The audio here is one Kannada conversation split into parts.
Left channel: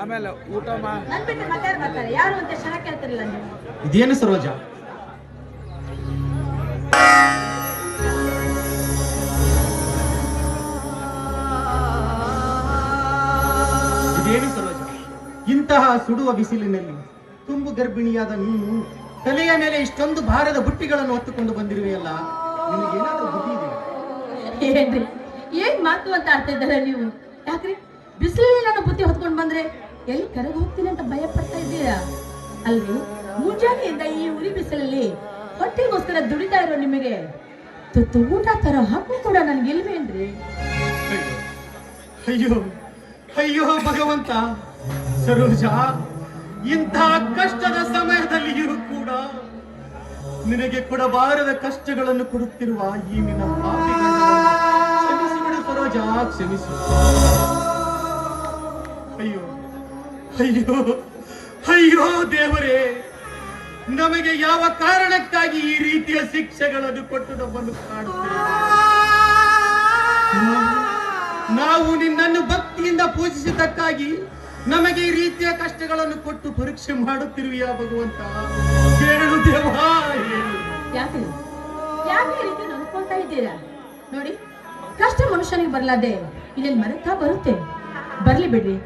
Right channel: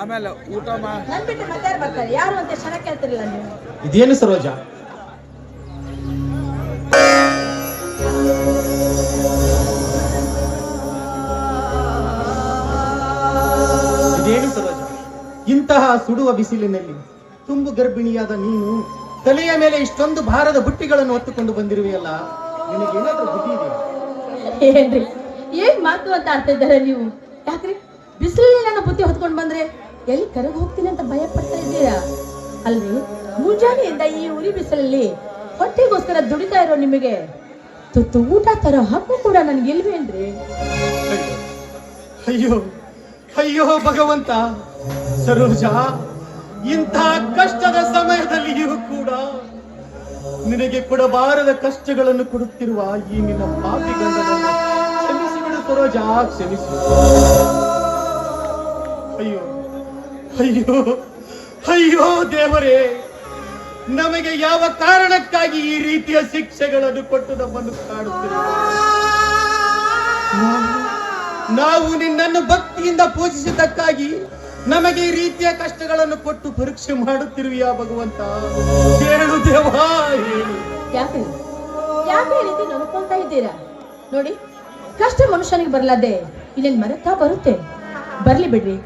ಆಮೇಲೆ ಊಟ ನನ್ ಬಿಟ್ಟು ಮತ್ತೆ ಯಾರು ಬರ್ತಾರೆ? ಯಾರು ಅಂತ ಕ್ಷಣ ಕೇಳ್ತಿರಲಿಲ್ಲ ನೀವು. ಇದೇನು ಸರೋಜ? ಇದೇನು ಸರೋಜ? ಇಂತಹ ಸುಡುವ ಬಿಸಿಲಿನಲ್ಲಿ ತುಂಬು ಗರ್ಭಿಣಿಯಾದ ನೀನು ತಲೆಯ ಮೇಲೆ ಇಷ್ಟೊಂದು ಭಾರದ ಬುಟ್ಟಿಗಳನ್ನು ಹೊತ್ತುಕೊಂಡು ಬಂದಿರುವೆಯಲ್ಲ, ನಿನಗೇನಾದ್ರೂ ಬುದ್ಧಿ ಇದೆಯಾ? ಏನ್ರಿ ಏನ್ ಮಾತು ಅಂತ ಆಡ್ತಾ ಇದ್ದಾರೆ ನೀವು? ಯಾಕ್ರಿ ಬಿಸಿಲಲ್ಲಿ ನಾನು ಬುದ್ಧಿ ಹೊತ್ಕೊಂಡ್ ಬಂದ್ರೆ ಎಲ್ಲಿ ಕರಗ್ ಹೋಗ್ತೀನಿ ಅಂತ ಭಯ ಪಡ್ತಾ ಇದ್ದೀರಾ ಅಲ್ರಿ? ಮುಂಜಾನೆಯಿಂದ ಈ ಉರಿ ಬಿಸಿಲಲ್ಲಿ ಹೊಟ್ಟೆಗೋಸ್ಕರ ದುಡಿತಾ ಇರೋ ನಿಮಗೆ ತುತ್ತು ಊಟ ತರೋ ಹಕ್ಕು ಕೂಡ ನನ್ಗೆ ಇಲ್ವೇನ್ರಿ? ಅಯ್ಯೋ ಅಯ್ಯೋ ಭಗವಂತ, ಸರೋಜ ಇಂಥ ಕಷ್ಟದ ಸಮಯದಲ್ಲಿಯೂ ಕೂಡ ನಿನಗೆ ಕೊಡಬಾರದ ಕಷ್ಟಗಳನ್ನು ಕೊಡುತ್ತಿರುವ ಈ ನಿನ್ನ ಪಾಪಿ ಗಂಡನನ್ನು ಕ್ಷಮಿಸಿಬಿಡು ಸರೋಜ, ಕ್ಷಮಿಸು. ಅಯ್ಯೋ ಅಯ್ಯೋ ಅಯ್ಯೋ ದೇವರೇ, ನಮಗೆ ಯಾವ ಕಾರಣಕ್ಕಾಗಿ ಈ ರೀತಿಯ ಶಿಕ್ಷೆಗಳನ್ನು ಕೊಟ್ಟು ನಮ್ಮನ್ನು ಕಾಡುತ್ತೇವೆ? ನಾವು ನಿನ್ನನ್ನು ಭಕ್ತಿಯಿಂದ ಪೂಜಿಸಿದ್ದಕ್ಕಾಗಿ ನಮಗೆ ಈ ರೀತಿಯ ಕಷ್ಟಗಳನ್ನು ಕೊಟ್ಟು ಪರೀಕ್ಷೆ ಮಾಡುತ್ತಿರುವೆಯಾ ಭಗವಂತ? ಹೇಳು ದೇವಾ, ಹೇಳು. ಯಾಕೆ ಯಾಕೆ ಈ ರೀತಿ ನೋಡ್ಕೊಳ್ತಾ ಇದ್ದೀರಾ? ನೋಡಿ, ಕಷ್ಟ ಮನುಷ್ಯನಿಗೆ ಬರಲಾದೆ ಇನ್ನೇನ್ ಮರೆತಾ ಬರುತ್ತೆ. ಬರ್ಲಿ ಬಿಡ್ರಿ,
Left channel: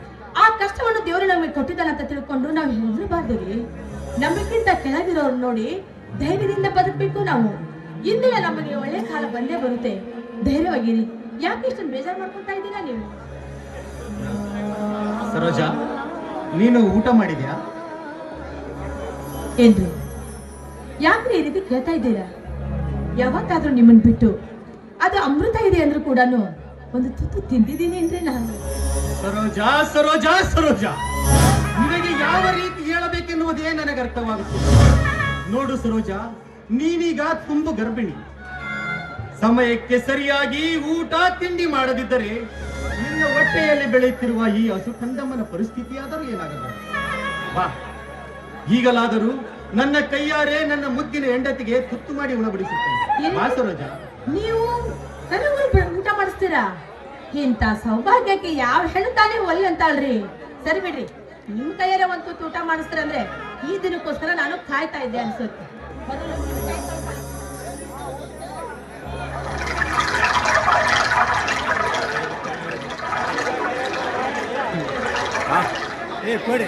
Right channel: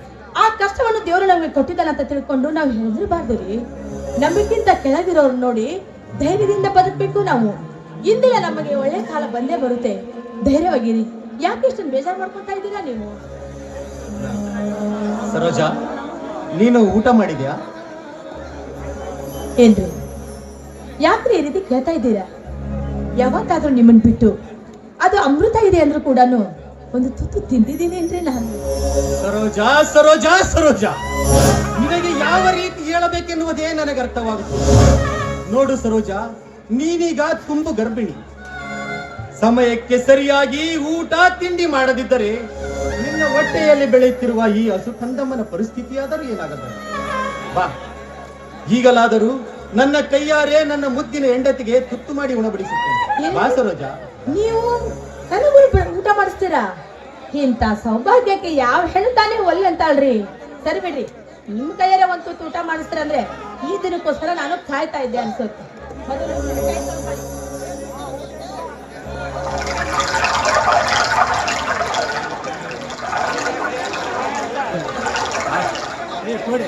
ಆ ಕಷ್ಟವನ್ನು ದೇವರು ನಮಗೆ ಕೊಟ್ಟಿದ್ದಾನೆ ಅಂತ ತಿಳ್ಕೊಂಡು ನಾವು ಹೆದರಬಾರ್ದು ರೀ. ನಮಗಿಂತ ಕೆಳಗಿರೋರು ನೋಡಿ ಧೈರ್ಯದಿಂದ ಬದುಕಬೇಕು ನಾವು. ಇಂದಿನ ನಮಗೆ ಒಳ್ಳೆ ಕಾಲ ಬಂದೇ ಬರುತ್ತೆ, ಧೈರ್ಯವಾಗಿರಿ. ಯಾಕೆ ಇಷ್ಟೊಂದು ಬೇಜಾರು ಮಾಡ್ಕೊತಾ ಇದ್ದೀರಾ ನೀವು? ಸರೋಜ, ನೀನು ಊಟ ಮಾಡಿದ್ಯಾ? ಏನ್ರಿ ಯಾಕ್ರಿ ಈ ರೀತಿ ಕೇಳ್ತಾ ಇದ್ದೀರಾ? ಯಾವತ್ತಾದ್ರೂ ನಿಮ್ಮನ್ ಬಿಟ್ಟು ಅದು ಅಮೃತ ಇದೆ ಅಂದ್ರೂ ಕೂಡ ಒಂದು ತುತ್ತು ತಿಂದಿದ್ದೀನಿ ಅಂದ್ರೆ ನಾನು. ಸರೋಜ ಸರೋಜ ಸರೋಜ, ನಿನಗೆ ಯಾವ ರೀತಿ ಹೇಳಬೇಕೆನ್ನುವುದೇ ನನಗೆ ಅರ್ಥವಾಗುತ್ತದೆ. ನೋಡು ಸರೋಜ, ನೀನೀಗ ತುಂಬು ಗರ್ಭಿಣಿ. ಸಮಯಕ್ಕೆ ಸರಿಯಾಗಿ ಊಟ ತಿಂಡಿ ಮಾಡದಿದ್ದರೆ ನಿನ್ನ ಹೊಟ್ಟೆಯಲ್ಲಿ ಬೆಳೆಯುತ್ತಿರುವ ಈ ಹಸು ಕಂದಮ್ಮನ ಪರಿಸ್ಥಿತಿಯಾದರೂ ಏನಾಗಬಹುದು? ಬಾ, ಈಗಲಾದರೂ ನನ್ನ ಕೈಯಾರೆ ನನ್ನ ಮುದ್ದಿನ ಹೆಂಡತಿಗೆ ತುತ್ತು ಮಾಡಿ ಉಣಬಡಿಸುತ್ತೇನೆ. ಬಾ ಸರೋಜ. ನೀವು ನನಗೂ ಊಟ ಮಾಡಿಸ್ತೀರಾ? ಇಂಥ ಸೌಭಾಗ್ಯಕ್ಕೆ ಯಾವ ಹೆಣ್ಣು ತಾನೇ ಒಲ್ಲೆ ಅಂತ ಅಲ್ರಿ. ಸರಿ ಬಿಡ್ರಿ, ನಿಮ್ ಕೈಯಾರೆ ಒಂದು ತುತ್ತು ಊಟ ಮಾಡಿಸ್ತಾರಂದ್ರೆ ಈ ದಿನಕ್ಕೋಸ್ಕರ ನಾನು ಕಾಯ್ತಾ ಇದ್ದೆ ಅನ್ಸುತ್ತೆ. ಮೊದಲು ನಿಮ್ ಕೈ ತೊಳ್ಕೊಳ್ಳಿ. ಕೊಡಿ.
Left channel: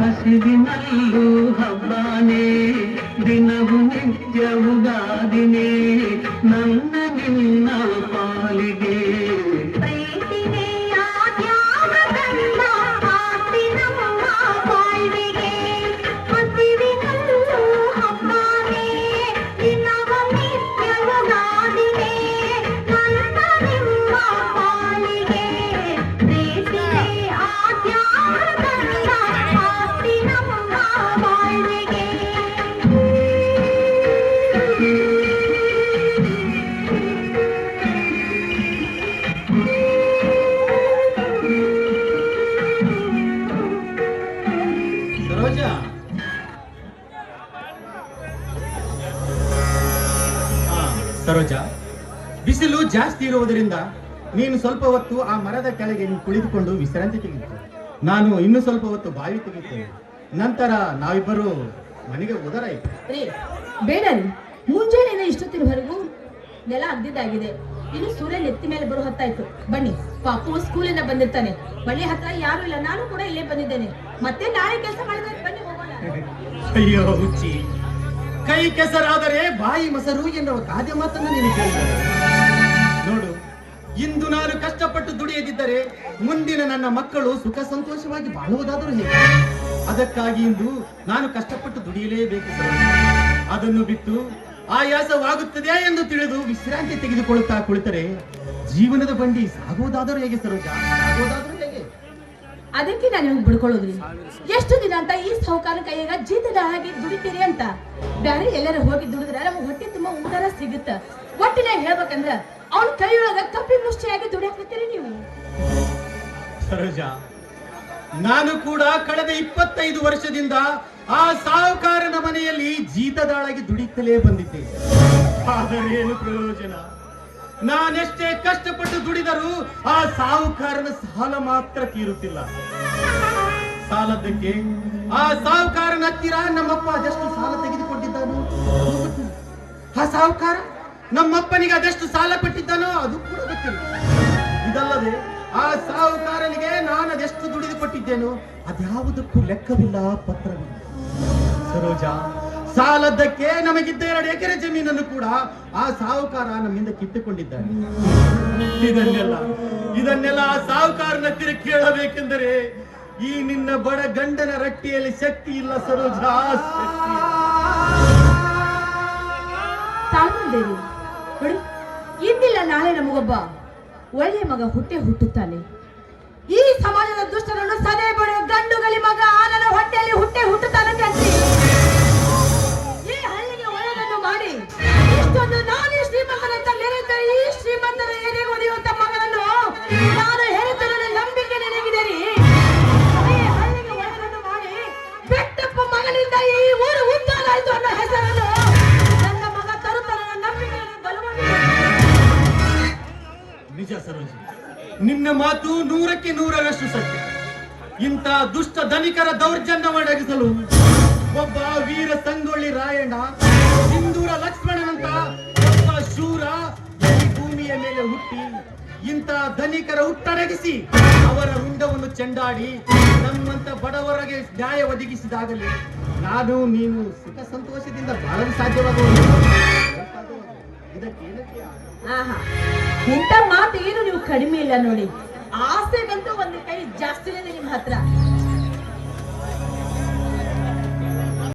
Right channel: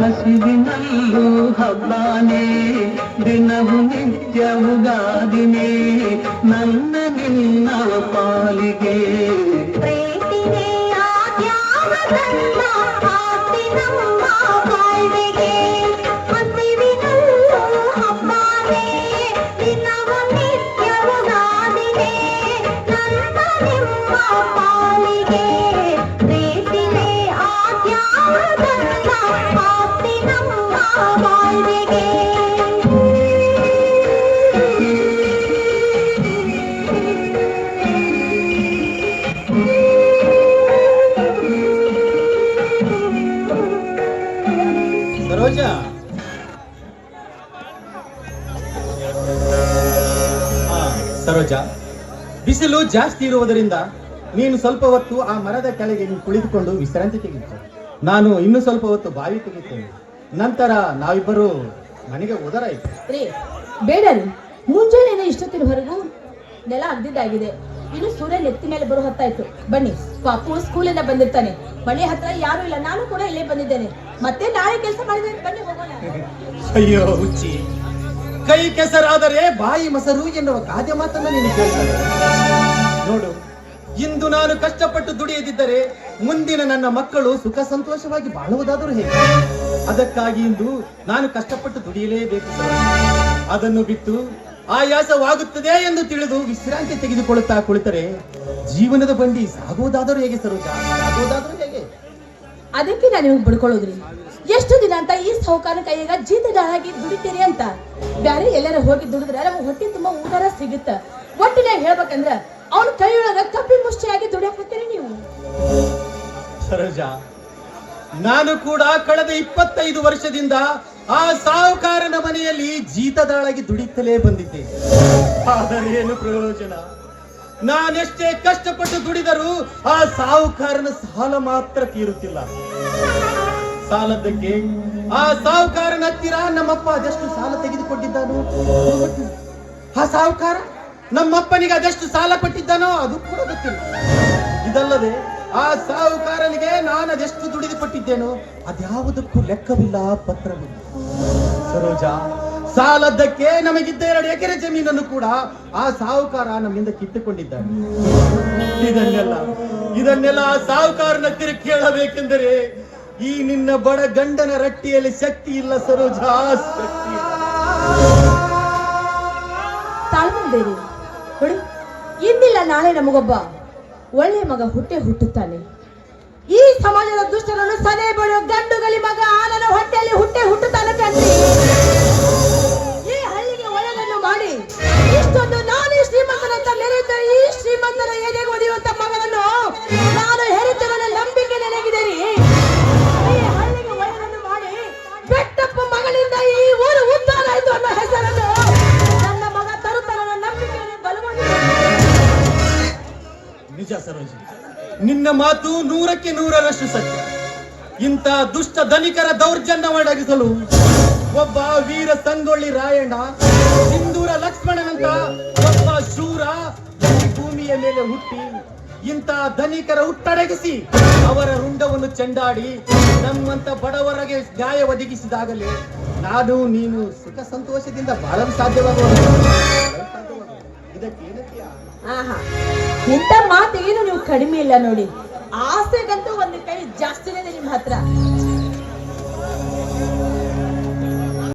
ಹಸಿವಿನಲ್ಲೂ ಹಬ್ಬಾನೇ, ದಿನವು ನಿತ್ಯವುಗಾದಿನೇ, ನನ್ನ ನಿನ್ನ ಪಾಲಿಗೆ. ಸರೋಜ, ಬಿಸಿಲು ಜಾಸ್ತಿ ಇರುವುದರಿಂದ ನೀನು ಸ್ವಲ್ಪ ಹೊತ್ತು ಆ ಮರದ ಕೆಳಗೆ ಕುಳಿತುಕೊಂಡು ವಿಶ್ರಾಂತಿ ತೆಗೆದು, ನಾನು ಇನ್ನು ಸ್ವಲ್ಪ ಹೊತ್ತು ಬಾವಿ ತೆಗೆಯುತ್ತೇನೆ. ನಂತರ ನಾವಿಬ್ಬರು ಮನೆಗೆ ಹೋದರಾಯ್ತು. ಬೇಡ ರೀ, ಮುಂಜಾನೆ ಇಷ್ಟೊತ್ತಿನವರೆಗೂ ನೆಲ ಅಗ್ದಿದ್ದಾಗಿದೆ. ಇನ್ನು ಸೂರ್ಯ ನೆತ್ತಿ ಮೇಲೆ ಬರೋ ಹೊತ್ತಾಯ್ತು. ಬನ್ನಿ, ಪಾಪು ಸ್ಕೂಲಿಂದ ಬಂದಿರ್ತಾನೆ. ಮನೆ ಹತ್ರ ಯಾರು ಇಲ್ಲ, ನಾನು ಕೂಡ ಇಲ್ಲೇ ಬಂದಿದ್ದೇನೆ. ಮತ್ತೆ ನಾಳೆ ಕೆಲಸ ಮಾಡಿದ್ರೆ ಬನ್ನಿ ಹೋಗೋಣ. ಅಯ್ಯೋ ಹುಚ್ಚಿ, ಕೈ ಕೆಸರಾದರೆ ಬಾಯಿ ಮೊಸರು ಎನ್ನುವ ಗಾದೆ ಮಾತನ್ನ ನೀನು ಕೇಳ್ತಾರೆ. ನೋಡು, ಇಂದು ನಾನು ಕಷ್ಟಪಟ್ಟು ದುಡಿಯದಿದ್ದರೆ ಮುಂದಿನ ನನ್ನ ಮಕ್ಕಳು ಸುಖ ಸಂತೋಷವಾಗಿ ಬಾಳುವುದಾದರೂ ಹೇಗೆ? ಅದಕ್ಕಾಗಿ ಇಂದು ನಾನು ಕಷ್ಟಪಟ್ಟು ದುಡಿಯಲೇಬೇಕು ಸರ್. ಅದನ್ನು ಬಿಟ್ಟು ಆಯಾಸವಾಗುತ್ತದೆ ಎಂದು ತಿಳಿದು ವಿಶ್ರಾಂತಿ ತೆಗೆದುಕೊಳ್ಳುತ್ತಾ ಕುಳಿತರೆ ಜೀವನದ ಬಂಡಿ ಸಾಗುವುದಾದರೂ ಹೇಗೆ ಸರೋಜ? ಸಾಗುವುದಾದರೂ ಹೇಗೆ? ಅದಕ್ಕೆ ನಾನು ನಿಮ್ಗೆ ಬಿಡ್ಕೊಳ್ಳೋದ್ರಿ. ಎಷ್ಟು ದಿನ ಅಂತ ಈ ಸಾಹುಕಾರ ಕೈಯಾಗ ಜೀತದ ಹಾಗೆ ದುಡಿತೀರಿ ಅಂತ? ಬ್ಯಾರೆ ಎಲ್ಲರ ಹೋಗಿ ದುಡಿದ್ರೆ ನಮ್ಗೆ ಹೊಟ್ಟೆ ತುಂಬಾ ಊಟಾರ ಸಿಗುತ್ತ. ಒಟ್ಟಿನಾಗ ಹೇಳ್ಬೇಕಂದ್ರ ಅವ್ನ ಕೈಯೊಳಗ ಕಪ್ಪಿ ಮುಷ್ಟಿಯಾಗಿ ದುಡಿಯಾಕತ್ತೀರಿ ನೀವು. ಸರೋಜ, ನಾನು ಕೂಡ ಕಳೆದ 25 ವರ್ಷದಿಂದ ಆ ಸಾಹುಕಾರನ ಮನೆಯಲ್ಲಿ ಜೀತದಾಳಾಗಿ ದುಡಿತಲೇ ಬಂದಿದ್ದೆ. ಆದರೆ ಏನು ಪ್ರಯೋಜನ? ನಾನೆಷ್ಟೇ ಕಷ್ಟಪಟ್ಟು ದುಡಿದರೂ ಆ ಸಾಹುಕಾರನ ಸಾಲ ಮಾತ್ರ ತೀರುತ್ತಿಲ್ಲ. ಸಾಲದ್ದಕ್ಕೆ ಆ ಸಾಹುಕಾರನ ಹತ್ತಿರ ನಮ್ಮಪ್ಪ ಅದೆಷ್ಟು ಸಾಲ ತೆಗೆದುಕೊಂಡಿದ್ದಾನೋ ಆ ಸಾಹುಕಾರ ನಮ್ಮಪ್ಪನಿಗೆ ಅದೆಷ್ಟು ಸಾಲ ಕೊಟ್ಟಿದ್ದಾನೋ ಅದು ಕೂಡ ಗೊತ್ತಿಲ್ಲ. ಇದಲ್ಲದೆ ಆ ಸಾಹುಕಾರನಿಗೆ ನಾನು ಅದೆಷ್ಟು ದುಡಿದು ಕೊಟ್ಟಿದ್ದೇನೋ ಅದ್ಯಾವುದಕ್ಕೂ ಲೆಕ್ಕವಿಲ್ಲ, ಪತ್ರವಿಲ್ಲ. ಸರೋಜ, ಸಾಲದ್ದಕ್ಕೆ ನಮಗಿದ್ದ 2 ಎಕರೆ ಜಮೀನನ್ನು ಕೂಡ ಆ ಸಾಹುಕಾರ ನಮ್ಮಿಂದ ಕಿತ್ತುಕೊಂಡಿದ್ದಾನೆ. ಇದನ್ನೆಲ್ಲ ಆ ಸಾಹುಕಾರನ ಹತ್ತಿರ ಕೇಳಬೇಕೆಂದರೆ ಈ ನಿನ್ನ ಬಡ ಗಂಡನ ರಟ್ಟಿಯಲ್ಲಿ ಶಕ್ತಿ ಇಲ್ಲ ಸರೋಜ, ಶಕ್ತಿ ಇಲ್ಲ. ತಾಳ್ಮಂದೇರಿ ನೋಡಿ, ಇಂದಿಲ್ಲ ನಾಳೆ ನಮಗೊಬ್ಬ ಒಳ್ಳೆ ಮಗ ಹುಟ್ಟುತ್ತಾನೆ. ಈ ಸಮಾಜದ ದುಷ್ಟರನ್ನು ಸದೆ ಬಡ ಗಂಡುಗಲಿ ಮಗ ನನ್ನ ಹೊಟ್ಟೆಯಲ್ಲಿ ಹುಟ್ಟುತ್ತಾನೆ ಕಣ್ರಿ. ಈ ಹಳ್ಳಿಗೆ ಒಳ್ಳೆಯದನ್ನು ಮಾಡಿ ಇಷ್ಟೊಂದು ನಾನೇ ಶ್ರೀಮಂತನಂತ ಮೆರೆದ ಈ ಶ್ರೀಮಂತರ ಎದೆಗೆ ಒಡೆಯುವಂತ ಮಗನನ್ನು ನಾನು ಹೆರಿತನ ನಂಬಿಕೆ ನನಗಿದ್ದೇನೆ. ಈ ಹಳ್ಳಿಗೆ ಒಳ್ಳೆಯದನ್ನು ಮಾಡಿ ಬೆಟ್ಟಪ್ಪ ಮಗಳಿಂದ ಈ ಊರು ಉದ್ಧಾರ ಆಯ್ತು ಅನ್ನೋ ಹೆಸರನ್ನು ನನ್ನ ಮಗ ತರುತ್ತಾನ ನಂಬಿಕೆಯನ್ನು ಬಲವಾಗಿ. ನಿಜ ಸರೋಜ, ನಿನ್ನ ಮಾತು 100ಕ್ಕೆ 100ರಷ್ಟು ಸತ್ಯ. ಇಂಥ ದುಷ್ಟ ಧನಿಕರ ದೌರ್ಜನ್ಯವೊಡಗಿಸಲು ಒಬ್ಬ ವೀರ ಸಂಗೊಳ್ಳಿ ರಾಯಣ್ಣ, ಸಿಂಧೂರ ಲಕ್ಷ್ಮಣನಂತ ಒಬ್ಬ ಶೂರ ಈ ಭೂಮಿಯ ಮೇಲೆ ಹುಟ್ಟಿ ಇಂಥ ಧನಿಕರ ಹುಟ್ಟಡಗಿಸಿ ಅವರ ರುಂಡವನ್ನು ಚೆಂಡಾಡಿ ನಮ್ಮಂತ ಬಡವರಿಗೆ ನ್ಯಾಯ ಒದಗಿಸಿದಾಗಲೇ ನಾನು ನೀನು ಸುಖ ಸಂತೋಷದಿಂದ ಬಾಳಲು ಸಾಧ್ಯವಾಗುವ. ಇದಕ್ಕೆ ಏನಕ್ಕೆ ಆಹಾ, ಇಂಥ ಮಾತೇನು ನೀವು ಕಡಿಮೆ ಇಲ್ಲ ನೋಡಿ. ಆಸೆಗಂತೂ ಒಂದು ಕೈ ಜಾಸ್ತಿನೇ ಇದೆ ನಿಮ್ಮ ಹತ್ರ.